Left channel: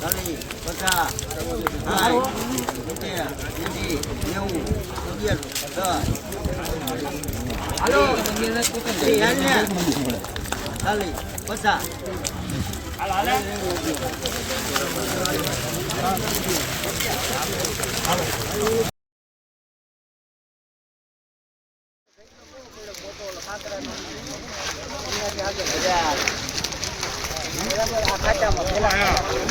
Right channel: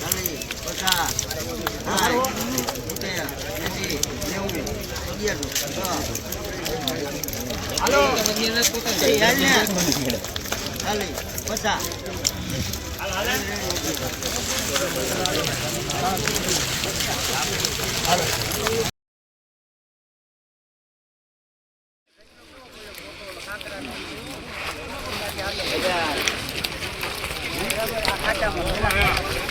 ચાલીસ પચાસ સાઠ સિત્તેર એંસી નેવું અગિયાર દસ ચાલીસ પચાસ હજાર હજાર હજાર હાલ હાલે બોલ્યા હજાર હજાર હજાર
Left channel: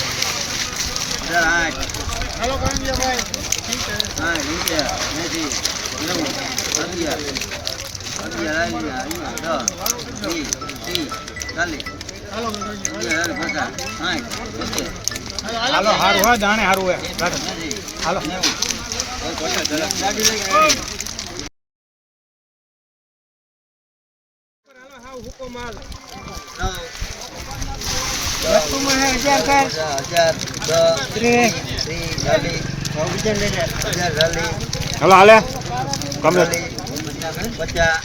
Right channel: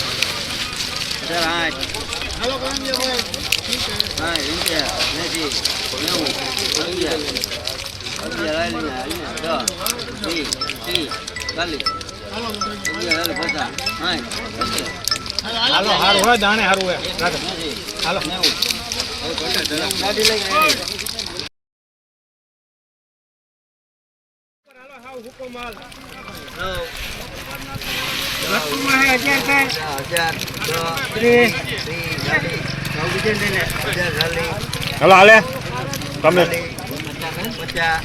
હજાર આઠ. હાલો કરી ભાઈ. હા નેવું અગિયાર અગિયાર અગિયાર દસ વીસ ત્રીસ ચાલીસ. હાલો આલી પચાસ સાઠ સિત્તેર હાલો હારું હોય દાણે હારું હોય. હાલો. નેવું હવે પચાસ જરાક ગાડી માલ. વસ્તુમાં હે હજાર કર હજાર દસ ત્રીસ ત્રીસ ચાલીસ બીજા લઈને હજાર ચાલીસ હાલો હાલે ચાલીસ પચાસ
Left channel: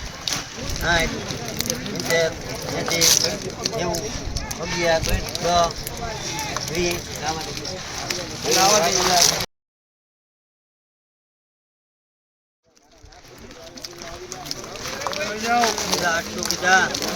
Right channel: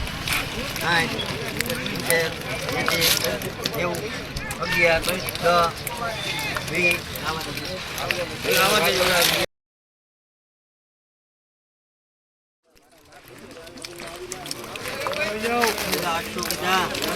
સાઠ સિત્તેર એંસી નેવું અગિયાર દસ વીસ આઠસો પચાસ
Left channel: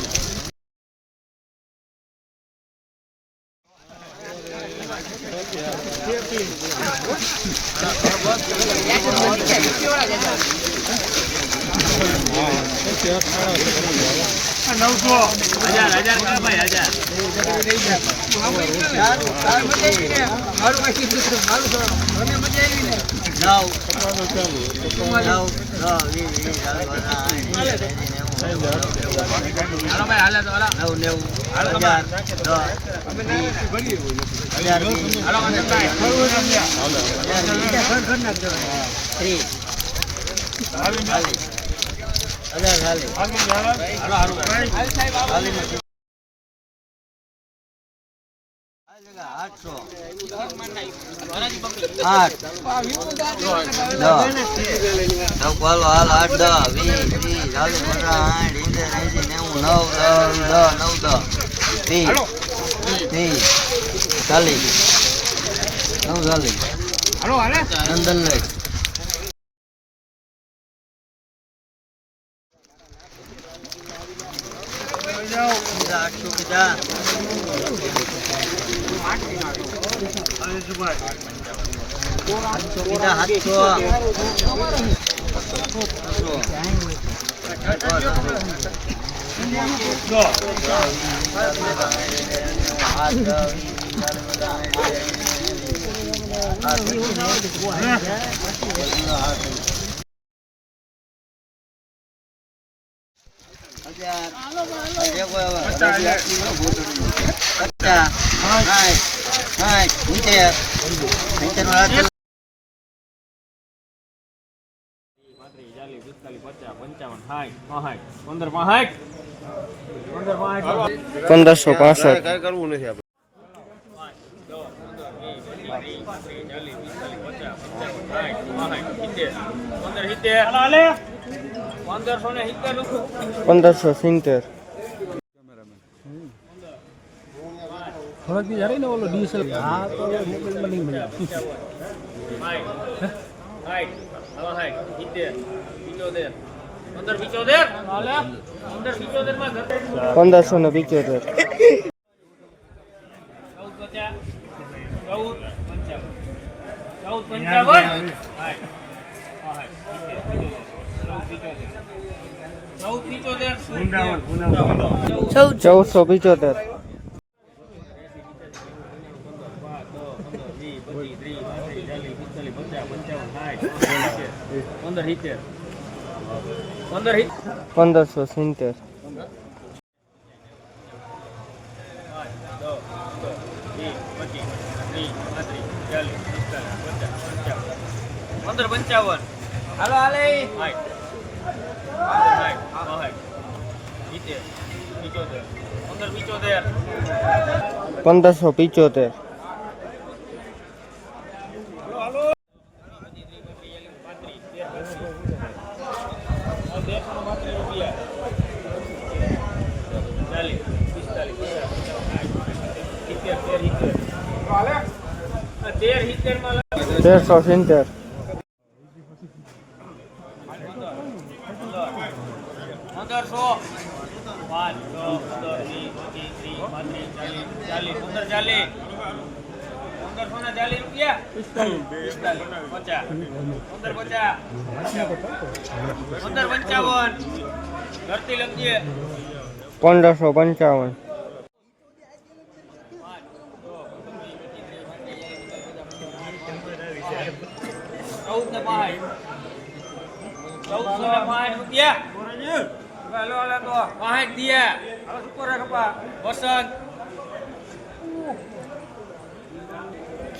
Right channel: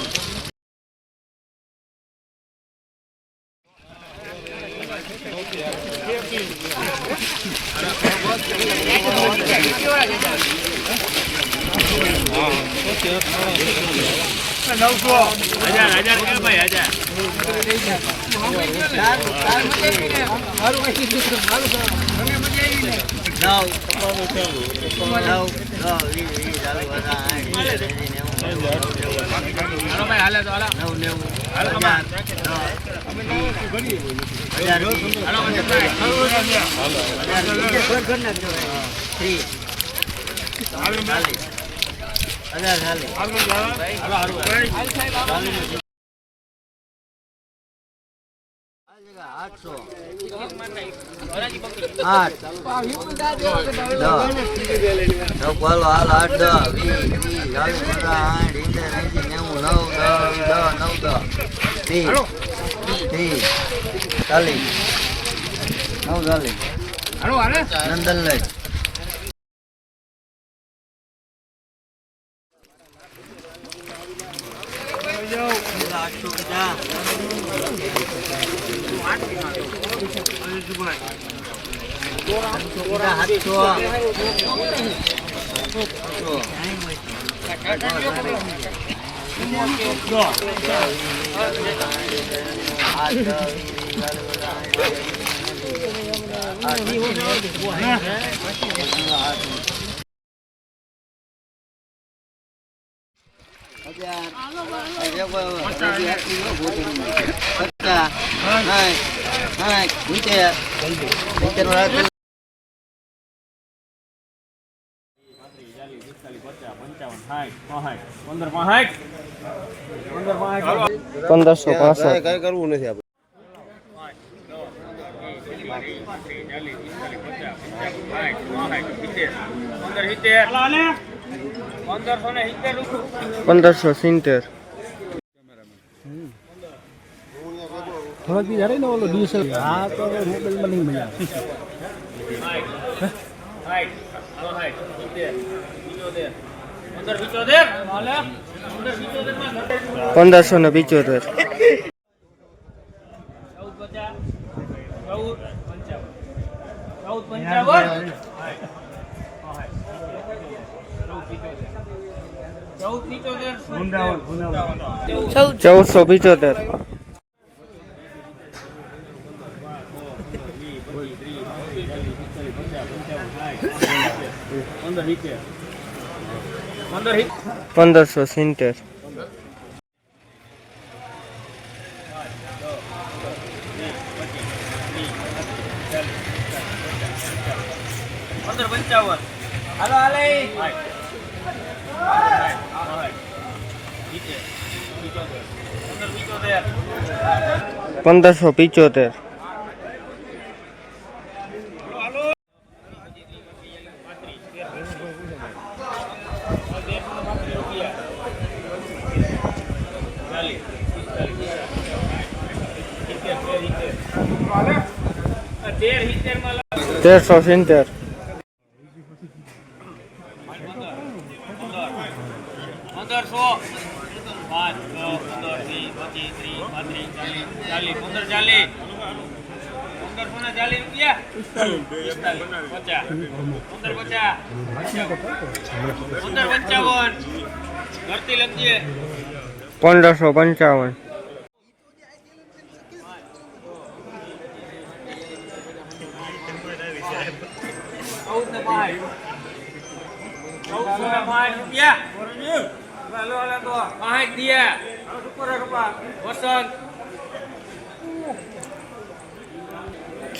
આઠસો પચાસ આઠસો આઠસો આઠ નવ હાલ આઠ દસ વીસ ત્રીસ ચાલીસ પચાસ સાઠ ઇંતેર એંસી નેવું નવ દસ નવ દસ ત્રીસ ત્રીસ ચાલીસ નવ ચાલીસ હાલો હાલે નંદન લઈ પચાસ સાઠ સાઠ નીચે નીચે પંદરસો પાસઠ. કઈ કરવું નથી આપણે. પંદરસો સિત્તેર. થોડાક દી જ્યારે ને ઓલો ડીએસએલ હા તો મોબાઈલમાં નહીં મળ્યા પંદરસો ને પિચોતેર ચૌદ ને પિચોતેર. ચૌદસો પિચોતેર. પંદર પંદર સિત્તેર પંદરસો સિત્તેર. પંદર પંચાવન. હાલો હાલે. પંદરસો પિચોતેર. તેરસો સિત્તેર. પંદરસો. પાંચ છ પંદર વીસ પચીસ ત્રીસ પાંત્રીસ ચાલીસ પંદર ચાલીસ. પંદરસો ને ચાલીસ રૂપિયા? પચાસ પંદર પચાસ. પંદર પંચાવન. ધરતી લખીએ પંદરસો પંચાવન. ચૌદ ને પાંચ. ચૌદસો ને પાંચ રૂપિયા. પાંચ દિયા વસંત.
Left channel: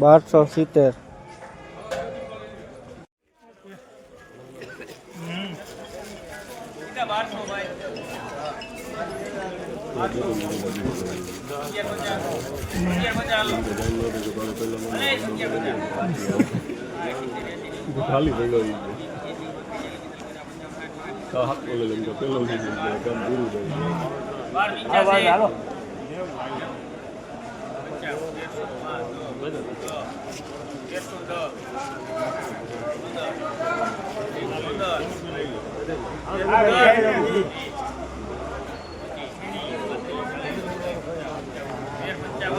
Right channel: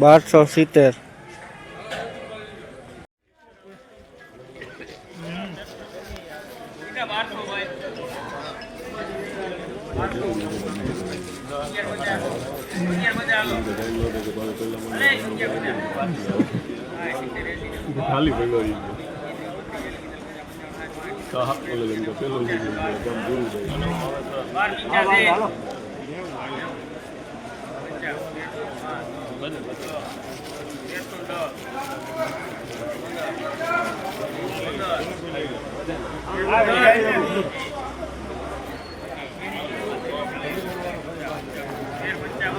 બારસો સિત્તેર. બારસો ભાઈ ખાલી ગયો કાપ બોલે કે પેલો કામ પૂરું થાય બાર પંચ્યાસી પંચાવન, તેરસો, પાંચ, દસ, દસ, તેરસો ને દસ. પંદર. પંદર. તેરસો દસ.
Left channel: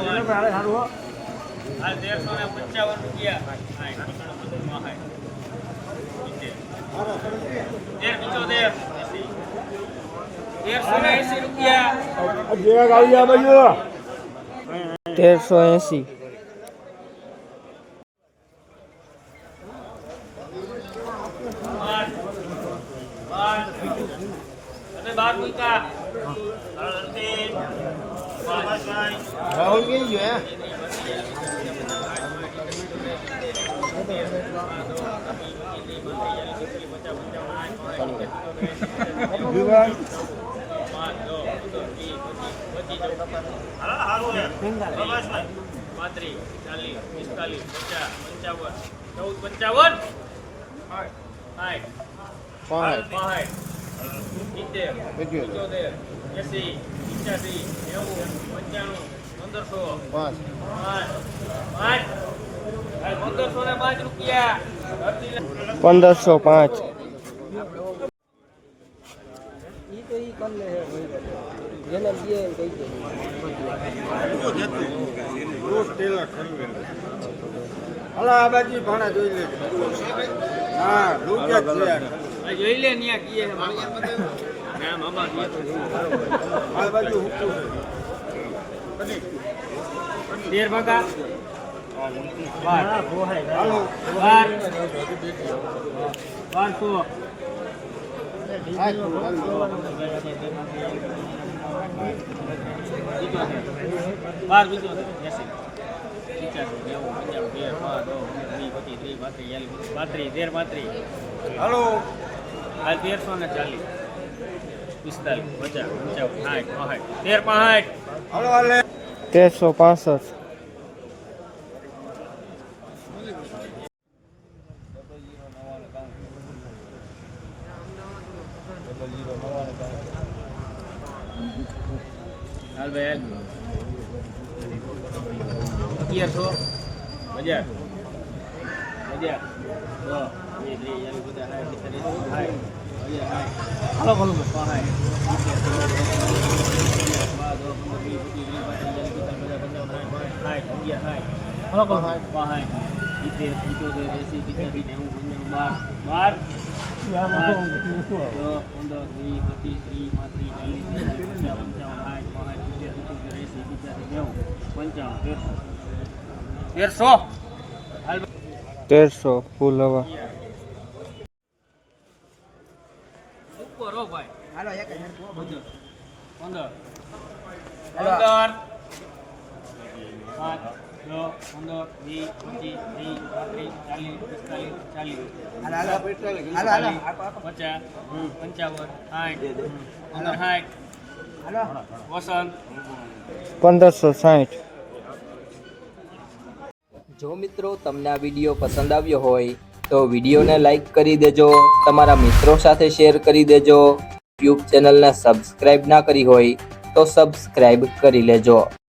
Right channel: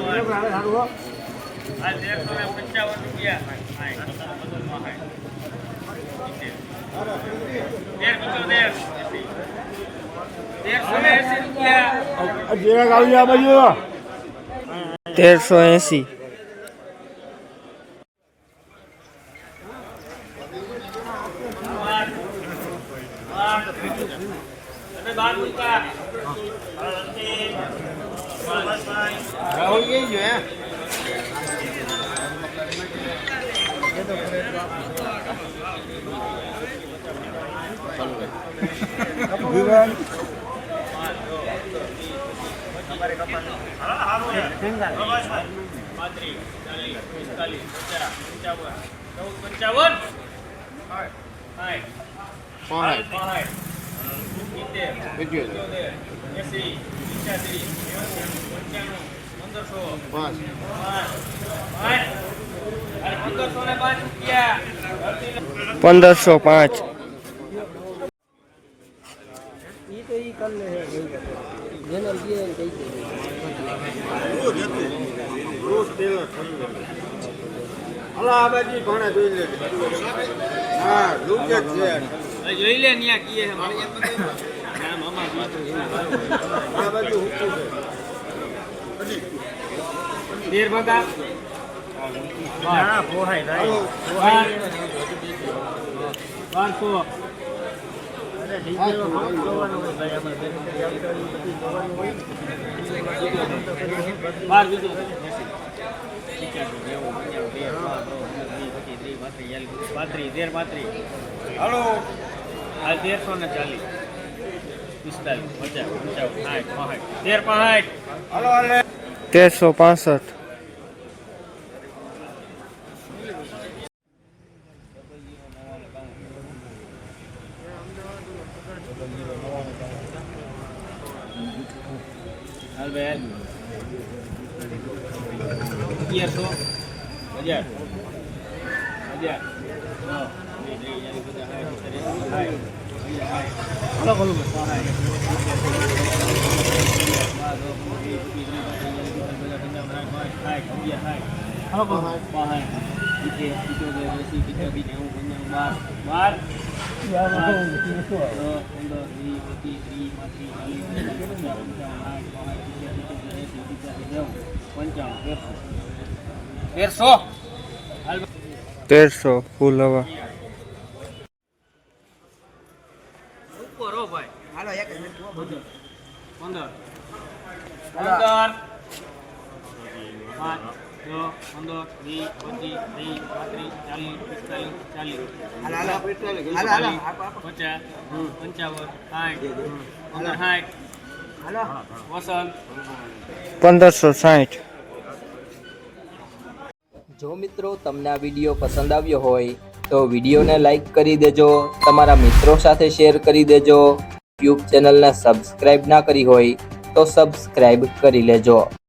તેર પંચાવન. હાલ તેરસો ને પંચાવન રૂપિયા. તેર પિચોતેર તેરસો ને એસી રૂપિયા. તેરસો એંસી. બાર મૂકા. પાંત્રીસ ચાલીસ પિસ્તાલીસ પચાસ પંચાવન ચૌદ પંચાવન સાઠ પાંઠ સિત્તેર પંચોતેર એસી પંચ્યાસી નેવું પંચાણું પંદરસો પંદરસો ને પાંચ રૂપિયા પંદરસો પાંચ જોઈ લે ત્યાં. કીએ ના. તેર ભગા બાર બાર બારસો બાર બીજો ત્રીસ ચાલીસ પિસ્તાલીસ પચાસ પંચાવન સાઠ પાંસઠ તેર પાંસઠ તેરસો પાસઠ. અગિયારસો. હજાર હજાર ત્રીસ ત્રીસ પંચાણું ત્રીસ પાંત્રીસ ચાલીસ પિસ્તાલીસ પચાસ પંચાવન સાઠ પાંસઠ સિત્તેર પિચોતેર એંસી પિચાસી નેવું પંચાણું તેરસો તેરસો હાલ તેરસો ફૂલ હવા ઉપર હો ભાઈ પંદર પંદર પંદર પાંચ છ પંદર વીસ પચીસ ત્રીસ પાંત્રીસ ચાલીસ પિસ્તાલીસ ચાલીસ ચાલીસ પચાસ પંચાવન સાઠ પંદર વસંત. પંદરસો સાઠ. જો મિત્રો તમને આ વીડિયો પસંદ આવ્યો હોય તો વિડીયોને લાઈક કરી દેજો તમારા મિત્રો સાથે શેર કરી દેજો. યુટ્યુબ ચેનલને સબસ્ક્રાઈબ ના કરી હોય તો સબસ્ક્રાઈબ કરી લેજો.